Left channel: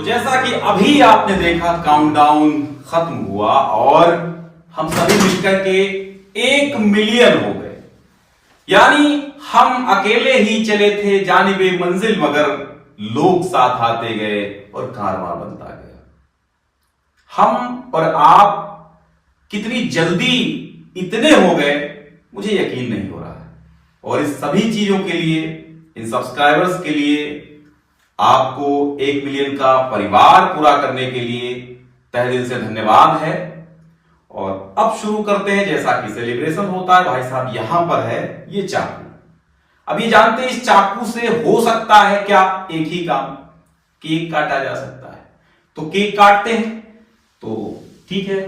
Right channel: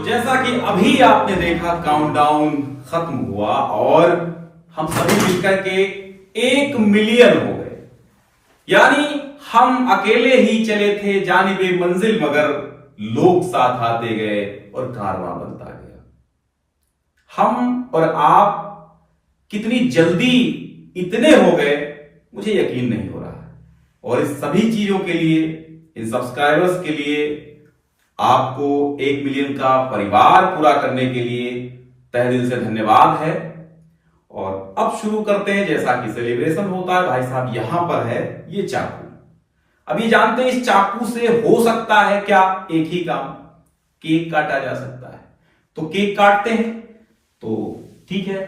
तो जैसा कि अभी आपने देखा काउंटडाउन खत्म हुआ और हम सभी मिलकर के 1 मिलियन हो गए। यानी हम अकेले ही चले थे जानिबे मंजिल, मगर लोग साथ आते गए और कारवां बनता गया। हम और आप कितनी जल्दी इतने हो गए मुझे यकीन नहीं हो रहा है। और इस सभी चीजों के लिए, इन सब्सक्राइबर्स के लिए, आपको 1 मिलियन का परिवार पूरा करने के लिए तहे दिल से धन्यवाद है। और अब शुरू करते हैं। जैसा कि सेलिब्रेशन होता है, भाई साहब यहां पर है ये चाकू। अब ये जानते हैं इस चाकू से हो सकता है क्या? एक ही काम, केक काटा जा सकता है। तो केक काटते हैं। तो ठीक है,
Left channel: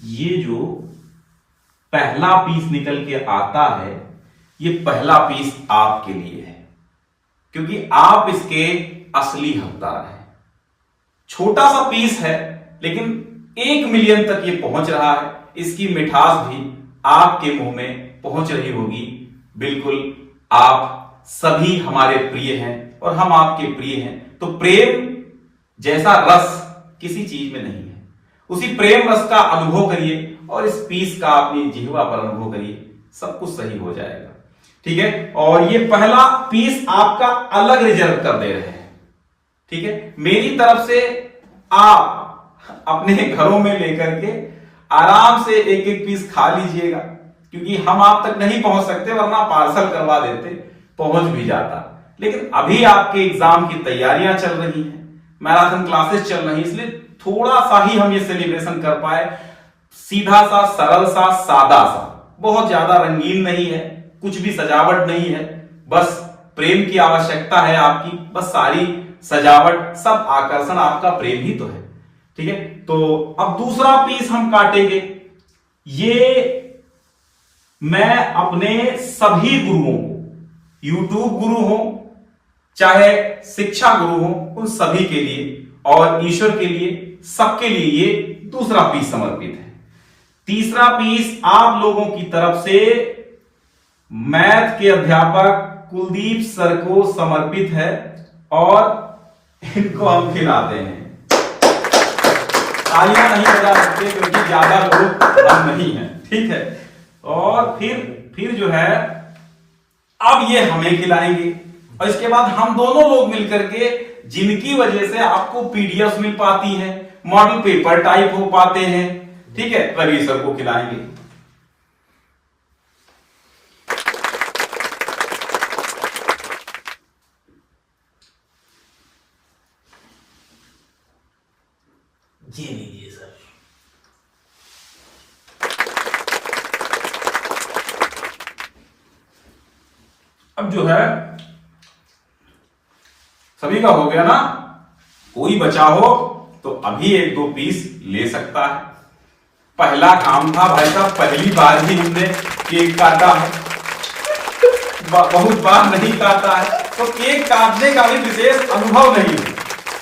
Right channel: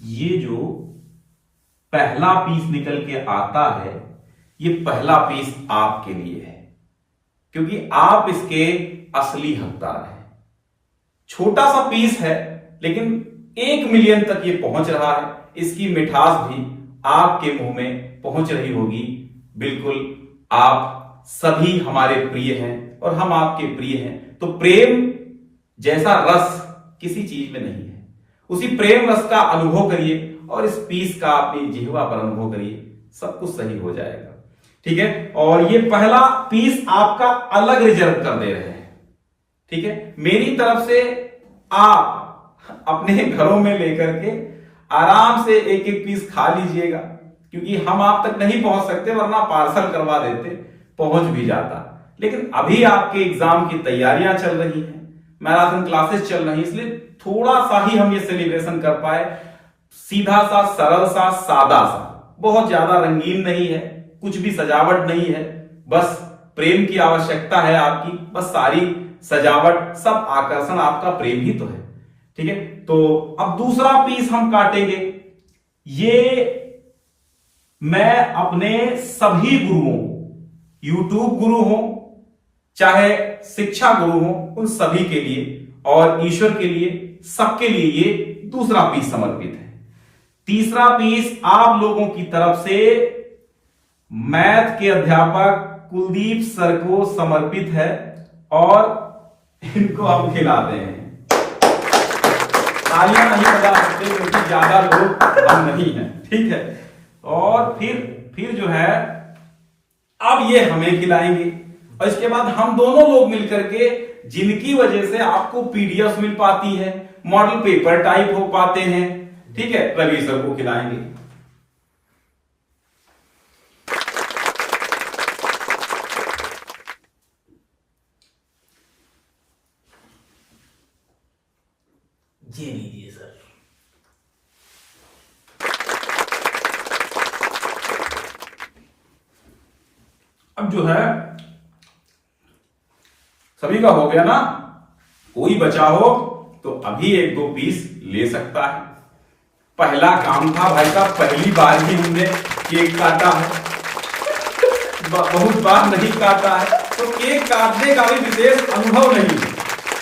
ये जो पहला पीस निकल के आता है, ये पहला पीस आपके लिए है, क्योंकि आप इसके असली हकदार हैं। छोटा सा पीस है, लेकिन 1 मिलियन तक ये पहुंच रहा है। इसकी मिठास भी आपके मुंह में पहुंच रही होगी। बिल्कुल, आप सभी हमारे प्रिय हैं और हम आपके प्रिय हैं। तो प्रेम जैसा रस किसी चीज में नहीं है। उसी प्रेम रस का अनुभव करिए और इस पीस का अपनी जिह्वा पर अनुभव करिए, सब कुछ सही हो जाएगा। ठीक है, और ये पहला पीस आपका अलग रिजर्व कर दे रहे हैं। ठीक है, मेरी तरफ से आप अपने घरों में लेकर के आराम से 1-1 पीस खा लीजिएगा, क्योंकि हम आप तक नहीं पहुंच सकते, वरना पार्सल करवा देते, पहुंच भी जाता। लेकिन अभी आपके एग्जाम की तैयारियां चल रही हैं, मैराथन क्लासेस चल रही हैं, इसलिए थोड़ा सा ही हम ये सेलिब्रेशन कर पाए। सीधा सा, सरल सा, सादा सा, बहुत ज्यादा रंगीन नहीं है, कुछ भी सजावट नहीं है, बस प्रेम की आवश्यकता है आपकी। बस सारी सजावट, सब आकर्षण आपका प्रेम ही तो है। ठीक है, तो अब दूसरा पीस हम काटेंगे। ये मैं अपने सभी गुरुओं को, यूट्यूब गुरु हो चाहे शिक्षा गुरु हो, उन सभी के लिए और ईश्वर के लिए, सबके लिए ये दूसरा पीस समर्पित है। तीसरा पीस आप लोगों की तरफ से मैथ के अध्यापक कुलदीप सर को समर्पित है और इनको हम खिलाते हैं। तालियां नहीं बजा सकते क्योंकि ज्यादा लोग हम नहीं हैं। ठीक है, और फिर जो है अब ये हमें खिलाएंगे और इसके बाद हम दोनों लोग मिलकर के, जिनकी वजह से आपको पीडीएफ मिल पाती है, मॉडल पेपर टाइप हो पाते हैं, ठीक है, रवि सर को खिलाएंगे। ये लीजिए सर। अब जो है सभी का हो गया ना, कोई बचा हो तो अभी 1-2 पीस ले सकता है। पहला काम था भाई साहब, पहली बार ही हमने केक काटा है, बहुत बार नहीं काटा है, तो केक काटने का भी विशेष अनुभव नहीं है,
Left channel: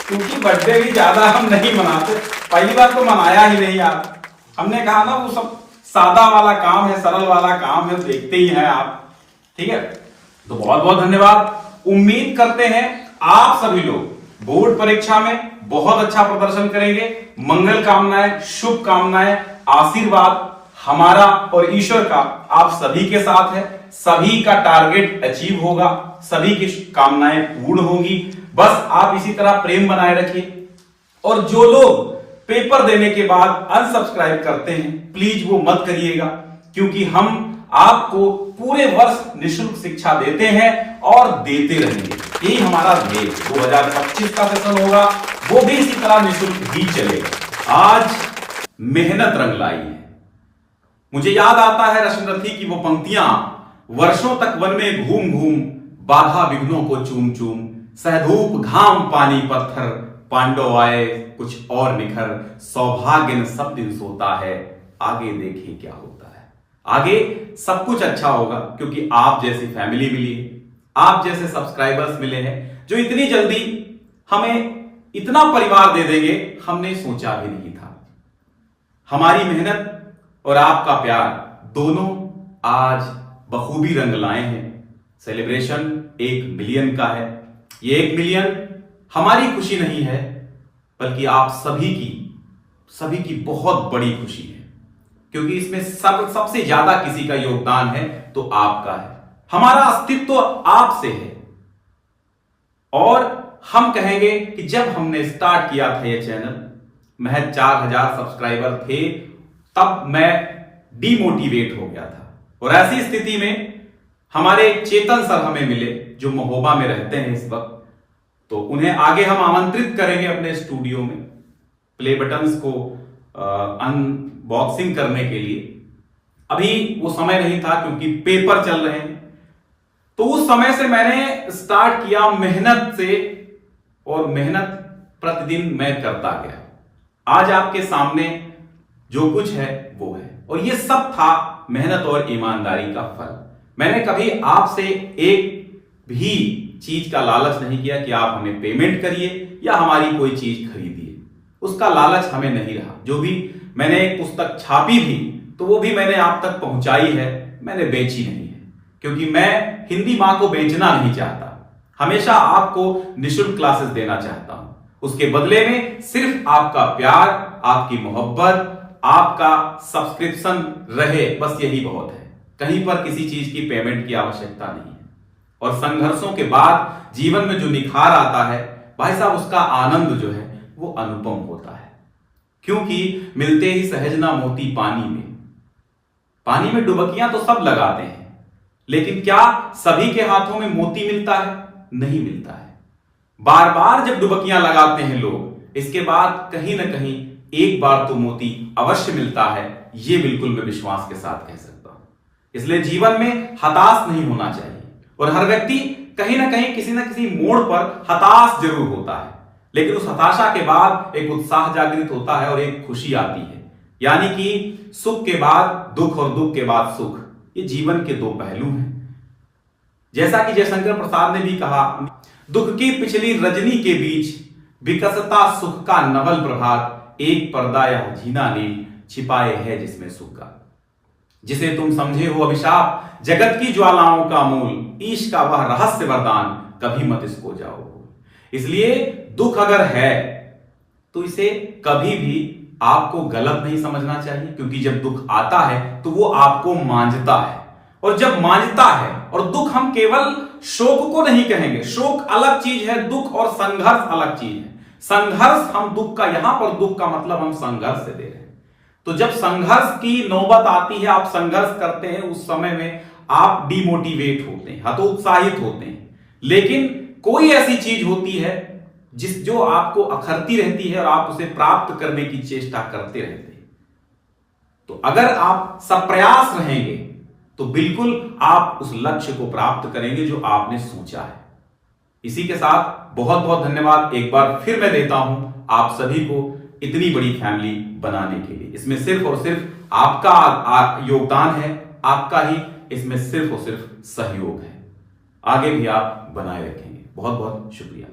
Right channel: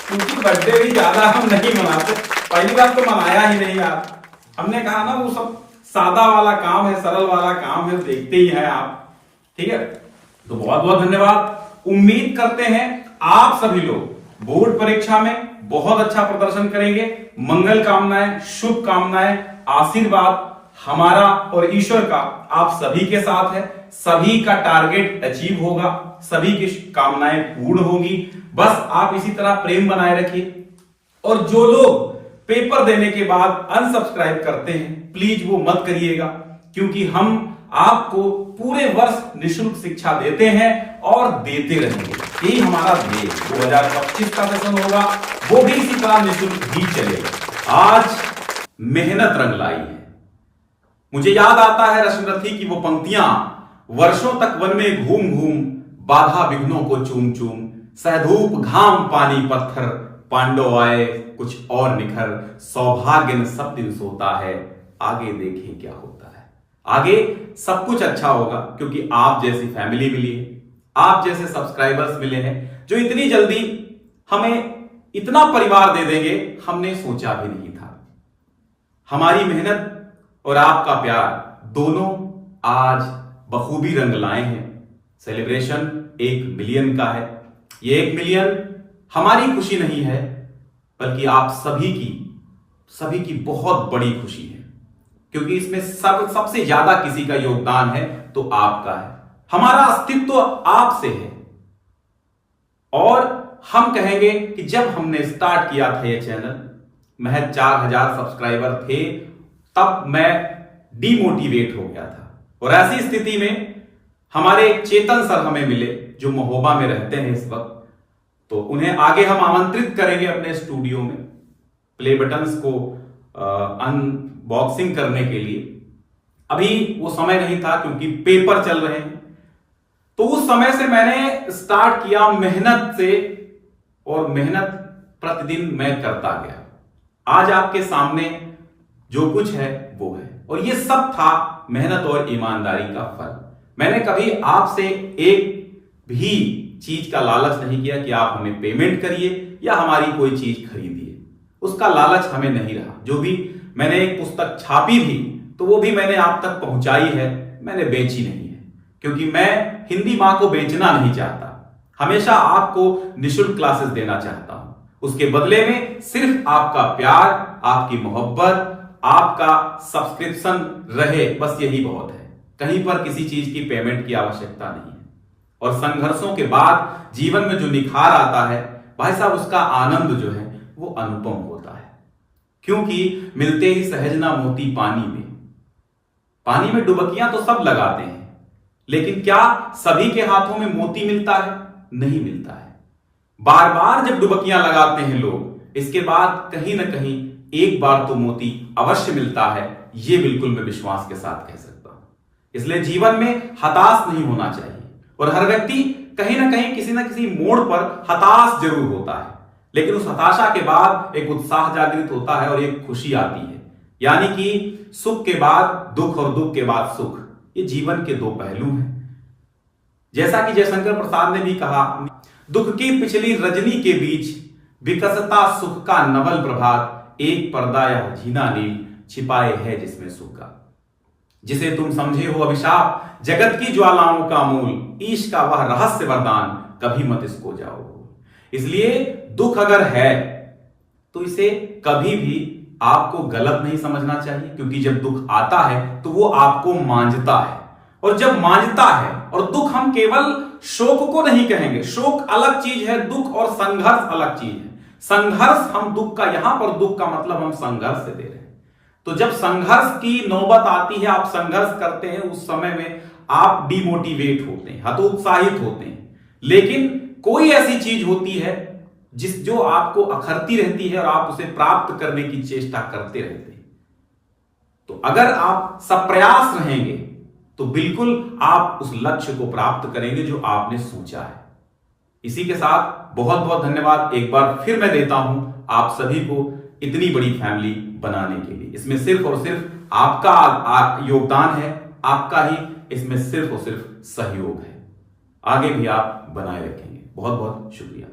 क्योंकि बर्थडे भी ज्यादा हम नहीं मनाते। पहली बार तो मनाया ही नहीं आप। हमने कहा ना वो सब सादा वाला काम है, सरल वाला काम है, देखते ही हैं आप। ठीक है, तो बहुत बहुत धन्यवाद। उम्मीद करते हैं आप सभी लोग बोर्ड परीक्षा में बहुत अच्छा प्रदर्शन करेंगे। मंगल कामनाएं, शुभ कामनाएं, आशीर्वाद हमारा और ईश्वर का आप सभी के साथ है। सभी का टारगेट अचीव होगा, सभी की कामनाएं पूर्ण होगी। बस आप इसी तरह प्रेम बनाए रखिए। और जो लोग पेपर देने के बाद अनसब्सक्राइब करते हैं, प्लीज वो मत करिएगा, क्योंकि हम आपको पूरे वर्ष निःशुल्क शिक्षा देते हैं और देते रहेंगे। यही हमारा ध्येय 2025 का सेशन होगा, वो भी इसी तरह निःशुल्क ही चलेगा। आज मेहनत रंग लाई है। मुझे याद आता है रश्मिरथी की वो पंक्तियां, वर्षों तक वन में घूम घूम, बाधा विघ्नों को चूम चूम, सहधूप घाम पानी पत्थर, पांडव आए कुछ और निखर, सौभाग्य न सब दिन सोता है, आगे देखें क्या होता है। आगे सब कुछ अच्छा होगा, क्योंकि आप जैसी फैमिली मिली है, आप जैसे सब्सक्राइबर्स मिले हैं, जो इतनी जल्दी हमें इतना परिवार दे देंगे, हमने सोचा भी नहीं था। हमारी मेहनत और आपका प्यार दोनों आज बखूबी रंग लाए हैं। सेलिब्रेशन 1 मिलियन का है। ये 1 मिलियन हमारी खुशी नहीं है, बल्कि आप सभी की बहुत बड़ी खुशी है, क्योंकि इसमें सबसे ज्यादा किसी का योगदान है तो आपका है। हमारा अस्तित्व आपसे है। और हम कहेंगे कि जब हमने स्टार्ट किया था ये चैनल, महज 4000 सब्सक्राइबर थे, तब मैं डिमोटिवेट हो गया था। और ऐसी स्थिति में हमारे चेतन सर हमें मिले, जो महोबा में रहते हैं इस वक्त। तो उन्हें आगे हम आमंत्रित करेंगे अपने स्टूडियो में प्ले बटन्स को अनबॉक्सिंग करने के लिए। अभी वो समय नहीं था क्योंकि पेपर चल रहे हैं। तो उस समय से मैंने स्टार्ट किया मेहनत से, और मेहनत प्रतिदिन मैं करता गया। आज आपके सामने जो कुछ है वो है, और ये सब था मेहनत और ईमानदारी का फल। मैंने कभी आपसे एक भी चीज का लालच नहीं किया कि आप हमें पेमेंट करिए या हमारी कोई चीज खरीदिए। उसका लालच हमें नहीं रहा। जो भी मैंने एक पुस्तक छापी भी, तो वो भी मैंने आप तक पहुंचाई है, मैंने बेची नहीं है, क्योंकि मैं हिंदी मां को बेचना नहीं चाहता। हमेशा आपको निःशुल्क क्लासेस देना चाहता हूं। उसके बदले में सिर्फ आपका प्यार, आपकी मोहब्बत, आपका सब्सक्रिप्शन रहे, बस यही बहुत है। कहीं पर किसी चीज की पेमेंट की आवश्यकता नहीं है। और संघर्षों के बाद जीवन में जो निखार आता है, भाई साहब, उसका आनंद जो है वो अनुपम होता है। क्योंकि मिलते ही सहजना मोती पानी में डुबकियां तो सब लगाते हैं, लेकिन क्या सभी के हाथों में मोती मिलता है? नहीं मिलता है। बार बार जब डुबकियां लगाते हैं लोग, इसके बाद कहीं ना कहीं एक बार तो मोती अवश्य मिलता है। यह बिल्कुल मैं विश्वास के साथ कह सकता हूं। इसलिए जीवन में हताश नहीं होना चाहिए। और हर व्यक्ति कहीं ना कहीं किसी ना किसी मोड़ पर हताश जरूर होता है, लेकिन उस हताशा के बाद एक उत्साह जागृत होता है और एक खुशी आती है। यानी कि सुख के बाद दुख और दुख के बाद सुख, ये जीवन के दो पहलू हैं। जैसा कि जयशंकर प्रसाद ने भी कहा, दुख की पिछली रजनी के बीच विकसता सुख का नवल प्रभात, एक पर्दा या जीना नील छिपाए है जिसमें सुख का। जिसे तुम समझे हो अभिशाप, जगत की ज्वालाओं का मूल, ईश का वह रहस्य वरदान, कभी मत इसको जाओ। इसलिए दुख अगर है तो इसे कभी भी आपको गलत नहीं समझना चाहिए, क्योंकि जब दुख आता है तो वो आपको मांझता है। और जब मांझता है, और दुख हम केवल शोक को नहीं कहेंगे, शोक अलग चीज है, दुख और संघर्ष अलग चीज है। संघर्ष हम दुख का, यहां पर दुख का मतलब हम संघर्ष से दे रहे हैं। तो जब संघर्ष की नौबत आती है, आप संघर्ष करते हैं, उस समय में आप डिमोटिवेट होते हैं, हतोत्साहित होते हैं। लेकिन कोई ऐसी चीज होती है जो आपको अखरती रहती है और आप उसे प्राप्त करने की चेष्टा करते रहते हैं। तो अगर आप सप्रयास रहेंगे तो बिल्कुल आप उस लक्ष्य को प्राप्त करेंगे जो आपने सोचा है। इसी के साथ बहुत बहुत धन्यवाद एक बार फिर मैं देता हूं आप सभी को इतनी बड़ी फैमिली बनाने के लिए। इसमें सिर्फ और सिर्फ आपका योगदान है, आपका ही इसमें सिर्फ और सिर्फ सहयोग है। आगे भी आप बनाए रखेंगे। बहुत बहुत शुक्रिया।